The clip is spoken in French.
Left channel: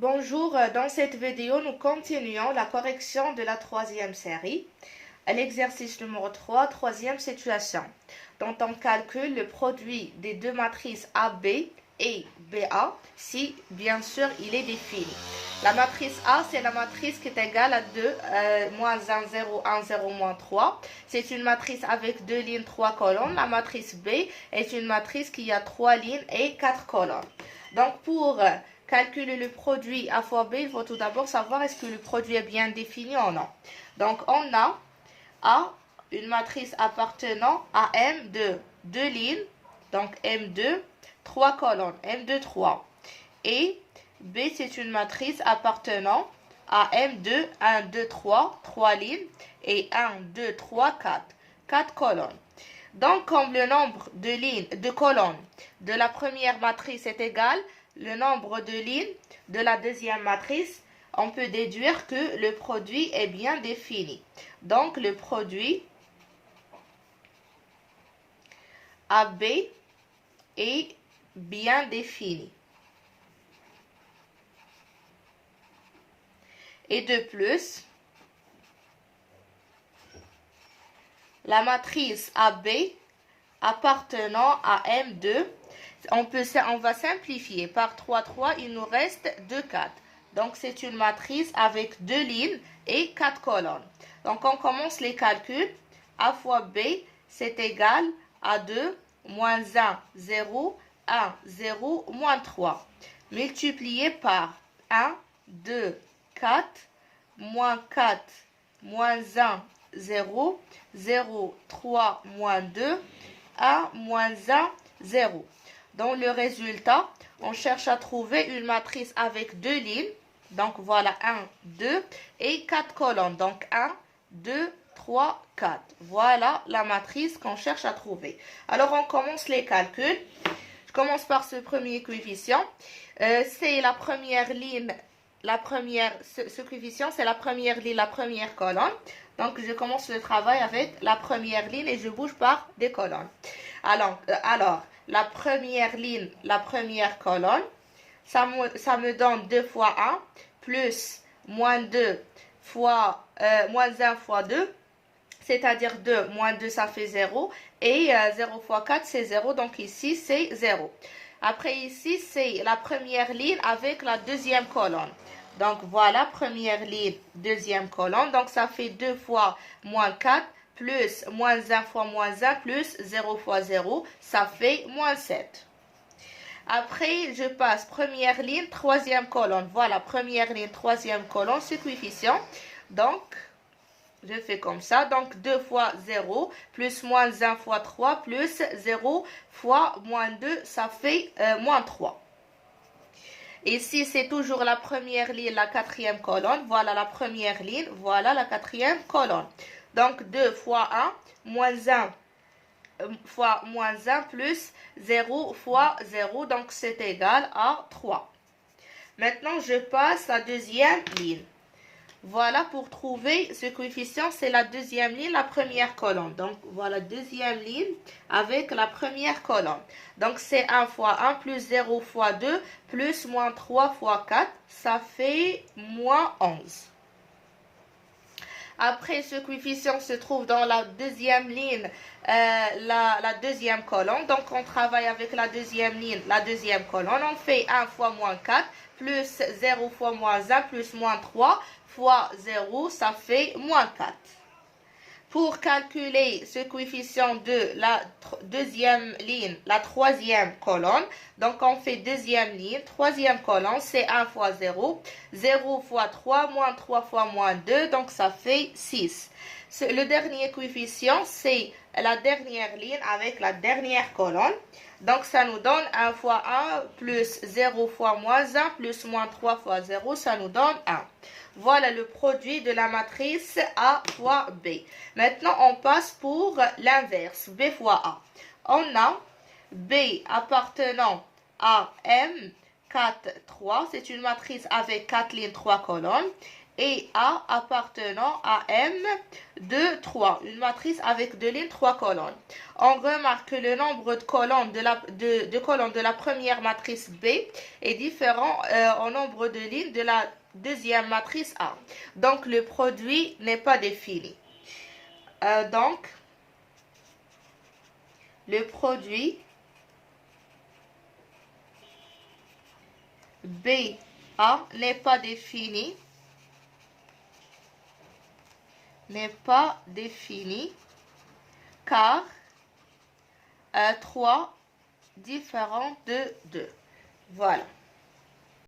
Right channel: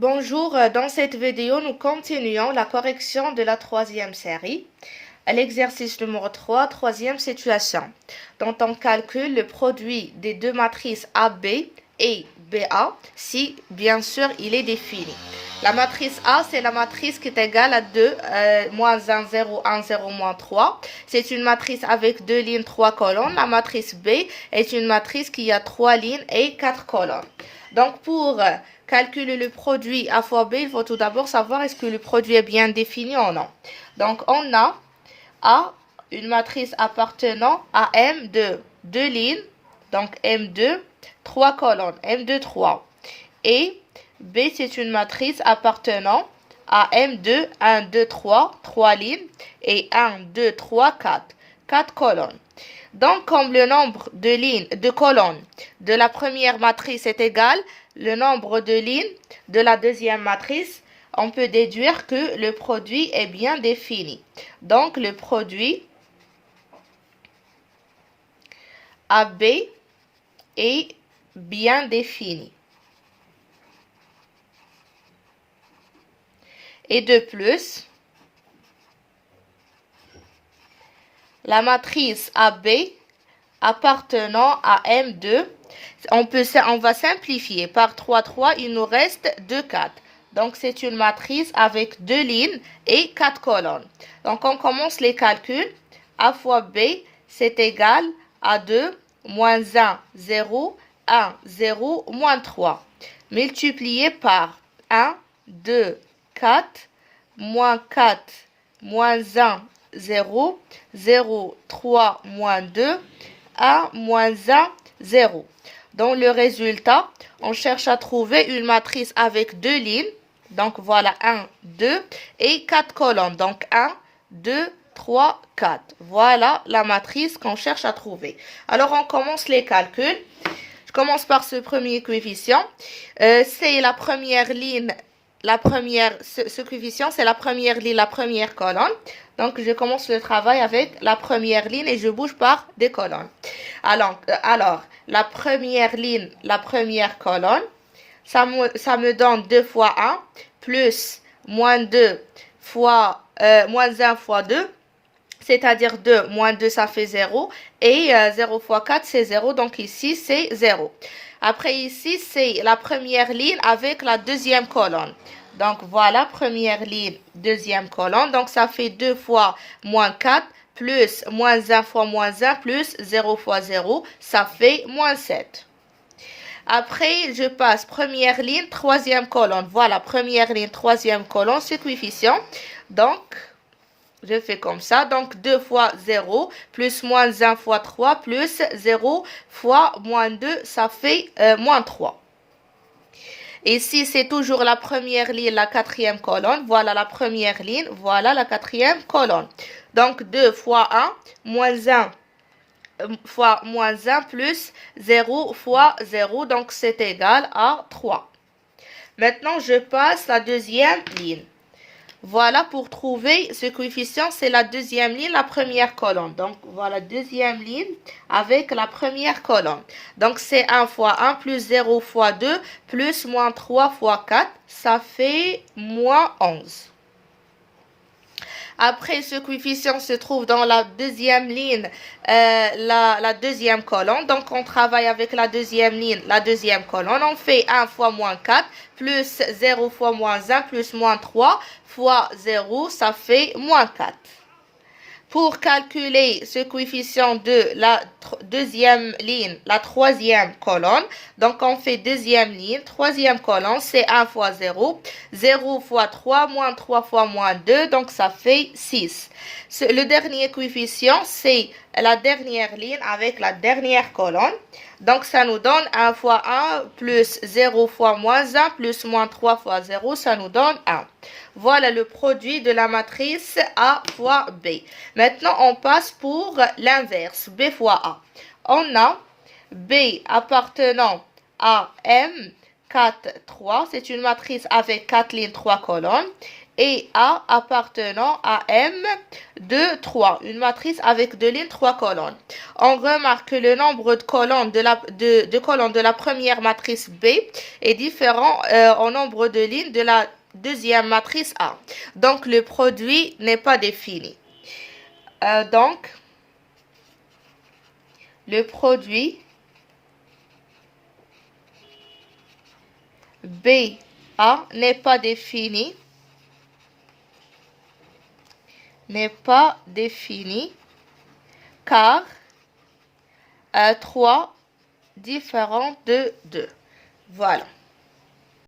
Bonjour, dans cette vidéo, nous continuons la correction de la troisième série. À l'exercice numéro 3, troisième situation. Dont on calcule le produit des deux matrices AB et BA si, bien sûr, il est défini. La matrice A, c'est la matrice qui est égale à 2, moins 1, 0, 1, 0, moins 3. C'est une matrice avec 2 lignes, 3 colonnes. La matrice B est une matrice qui a 3 lignes et 4 colonnes. Donc, pour calculer le produit A fois B, il faut tout d'abord savoir est-ce que le produit est bien défini ou non. Donc, on a A, une matrice appartenant à M de 2 lignes, donc M2, 3 colonnes, M2, 3. Et B, c'est une matrice appartenant à M2, 1, 2, 3, 3 lignes, et 1, 2, 3, 4, 4 colonnes. Donc, comme le nombre de lignes, de colonnes de la première matrice est égal, le nombre de lignes de la deuxième matrice, on peut déduire que le produit est bien défini. Donc, le produit AB est bien défini. Et de plus, la matrice AB appartenant à M2, on va simplifier par 3, 3, il nous reste 2, 4. Donc, c'est une matrice avec 2 lignes et 4 colonnes. Donc, on commence les calculs. A fois B, c'est égal à 2, moins 1, 0, 1, 0, moins 3. Multiplié par 1, 2, 4, moins 4, moins 1, 0, 0, 3, moins 2, 1, moins 1, 0. Dans le résultat, on cherche à trouver une matrice avec 2 lignes. Donc, voilà 1, 2 et 4 colonnes. Donc, 1, 2, 3, 4. Voilà la matrice qu'on cherche à trouver. Alors, on commence les calculs. Je commence par ce premier coefficient. C'est la première ligne, ce coefficient, c'est la première ligne, la première colonne. Donc, je commence le travail avec la première ligne et je bouge par des colonnes. Alors la première ligne, la première colonne, ça me donne 2 fois 1, plus moins 2 fois, moins 1 fois 2, c'est-à-dire 2 moins 2, ça fait 0. Et 0 fois 4, c'est 0. Donc ici, c'est 0. Après, ici, c'est la première ligne avec la deuxième colonne. Donc voilà, première ligne, deuxième colonne. Donc ça fait 2 fois moins 4, plus moins 1 fois moins 1, plus 0 fois 0. Ça fait moins 7. Après, je passe première ligne, troisième colonne. Voilà, première ligne, troisième colonne, ce coefficient. Donc, je fais comme ça. Donc, 2 fois 0, plus moins 1 fois 3, plus 0 fois moins 2, ça fait moins 3. Ici, c'est toujours la première ligne, la quatrième colonne. Voilà la première ligne, voilà la quatrième colonne. Donc, 2 fois 1, moins 1 fois moins 1, plus 0 fois 0. Donc, c'est égal à 3. Maintenant, je passe la deuxième ligne. Voilà, pour trouver ce coefficient, c'est la deuxième ligne, la première colonne. Donc, voilà, deuxième ligne avec la première colonne. Donc, c'est 1 fois 1 plus 0 fois 2 plus moins 3 fois 4. Ça fait moins 11. Après, ce coefficient se trouve dans la deuxième ligne, la deuxième colonne. Donc, on travaille avec la deuxième ligne, la deuxième colonne. On fait 1 fois moins 4, plus 0 fois moins 1, plus moins 3 fois 0, ça fait moins 4. Pour calculer ce coefficient de la deuxième ligne, la troisième colonne, donc on fait deuxième ligne, troisième colonne, c'est 1 fois 0, 0 fois 3, moins 3 fois moins 2, donc ça fait 6. Le dernier coefficient, c'est la dernière ligne avec la dernière colonne. Donc, ça nous donne 1 fois 1 plus 0 fois moins 1 plus moins 3 fois 0, ça nous donne 1. Voilà le produit de la matrice A fois B. Maintenant, on passe pour l'inverse, B fois A. On a B appartenant à M 4, 3. C'est une matrice avec 4 lignes, 3 colonnes. Et A appartenant à M, 2, 3. Une matrice avec 2 lignes, 3 colonnes. On remarque que le nombre de colonnes de la première matrice B est différent au nombre de lignes de la deuxième matrice A. Donc, le produit n'est pas défini. Donc, le produit BA n'est pas défini. Car 3 différent de 2. Voilà.